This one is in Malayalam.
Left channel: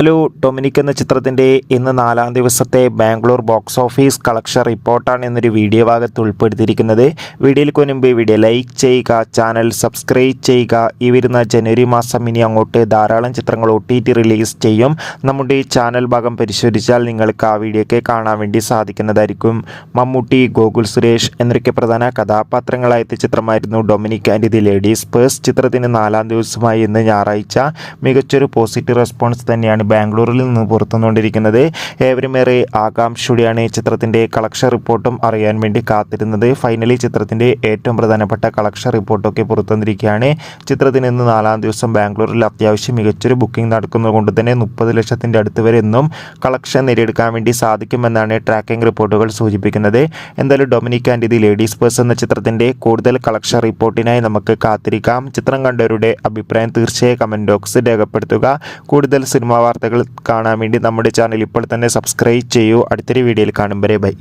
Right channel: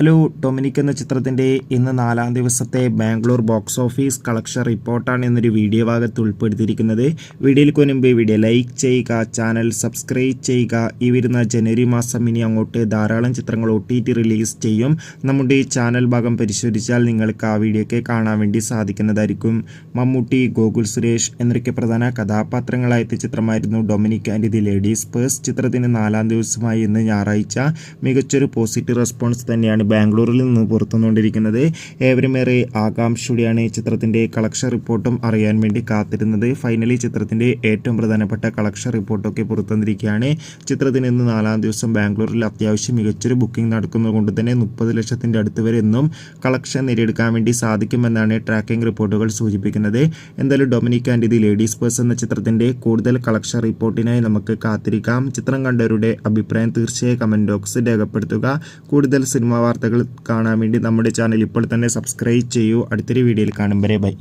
ഹലോ, ഡൊമിനിക് എന്ന ചിത്രത്തിൻ്റെ ഇന്ന് 4-ാം ദിവസത്തെ ബാംഗ്ലൂർ ബോക്സ് ഓഫീസ് കളക്ഷൻ റിപ്പോർട്ടാണ് എന്നൊരു വീഡിയോ ഭാഗത്ത് ഉൾപ്പെടുത്തിയിരിക്കുന്നത്. വീഡിയോയ്ക്ക് മുൻപ് വീഡിയോ ലൈക്ക് ചെയ്യുക, ചാനൽ സബ്സ്ക്രൈബ് ചെയ്യുക. ഈ വരുന്ന ജനുവരി മാസം ഇനി അങ്ങോട്ട് ധാരാളം ചിത്രങ്ങൾ OTT റിലീസ് ചെയ്യും. നമ്മുടെ ഈ ചാനൽ ഭാഗം പരിശോധിച്ചാൽ നിങ്ങൾക്ക് ആ വീഡിയോയ്ക്ക് കാണാൻ വേണ്ടി സാധിക്കുന്നതായിരിക്കും. മമ്മൂട്ടി, ഗോകുൽ സുരേഷ് എന്നൊക്കെ പ്രധാന കഥാപാത്രങ്ങളായ ചിത്രമായിരുന്നു Dominic and the ladies purse. ചിത്രത്തിന് 4-ാം ദിവസമായി ഇന്ന് ഞായറാഴ്ച മികച്ചൊരു പോസിറ്റീവ് റെസ്പോൺസ് തന്നെയാണ് ബാംഗ്ലൂരിൽ നിന്ന് പുറത്തുകൊണ്ടിരിക്കുന്നത്. ഏവരുമേറെ ആകാംക്ഷയോടെയാണ് ചിത്രത്തിൻ്റെ കളക്ഷൻ റിപ്പോർട്ടും അറിയാൻ വേണ്ടി കാത്തിരുന്നത്. ഫൈനലി ചിത്രത്തിൻ്റെ ഏറ്റവും പ്രധാനപ്പെട്ട കളക്ഷൻ റിപ്പോർട്ടൊക്കെ പുറത്തുവന്നിരിക്കുകയാണ്. ചിത്രത്തിന് ഇന്ന് 4-ാം ദിവസം ബാംഗ്ലൂരിൽ അത്യാവശ്യം മികച്ചൊരു ബുക്കിംഗ് നടക്കുന്നത് കൊണ്ട് തന്നെ 30 ലക്ഷത്തിൻ്റെ അടുത്ത് വരെ എന്നും കളക്ഷൻ നേടിയെടുക്കാൻ വേണ്ടി സാധിക്കുമെന്നാണ് ട്രാക്കിംഗ് റിപ്പോർട്ടുകൾ സൂചിപ്പിക്കുന്നത്. എന്തായാലും Dominic and the ladies purse എന്ന ചിത്രത്തിൻ്റെ കൂടുതൽ കളക്ഷൻ റിപ്പോർട്ടിനായി നമുക്ക് കാത്തിരിക്കാം. ചിത്രം കണ്ടവരുടെ അഭിപ്രായം തീർച്ചയായും കമൻറ്റ് ബോക്സിൽ രേഖപ്പെടുത്തുക. കൂടുതൽ സിനിമാ വാർത്തകൾ കാണാൻ വേണ്ടി നമ്മുടെ ചാനൽ ഇപ്പോൾ തന്നെ സബ്സ്ക്രൈബ് ചെയ്യൂ. അടുത്തൊരു വീഡിയോയിൽ കാണും വരെ ബൈ.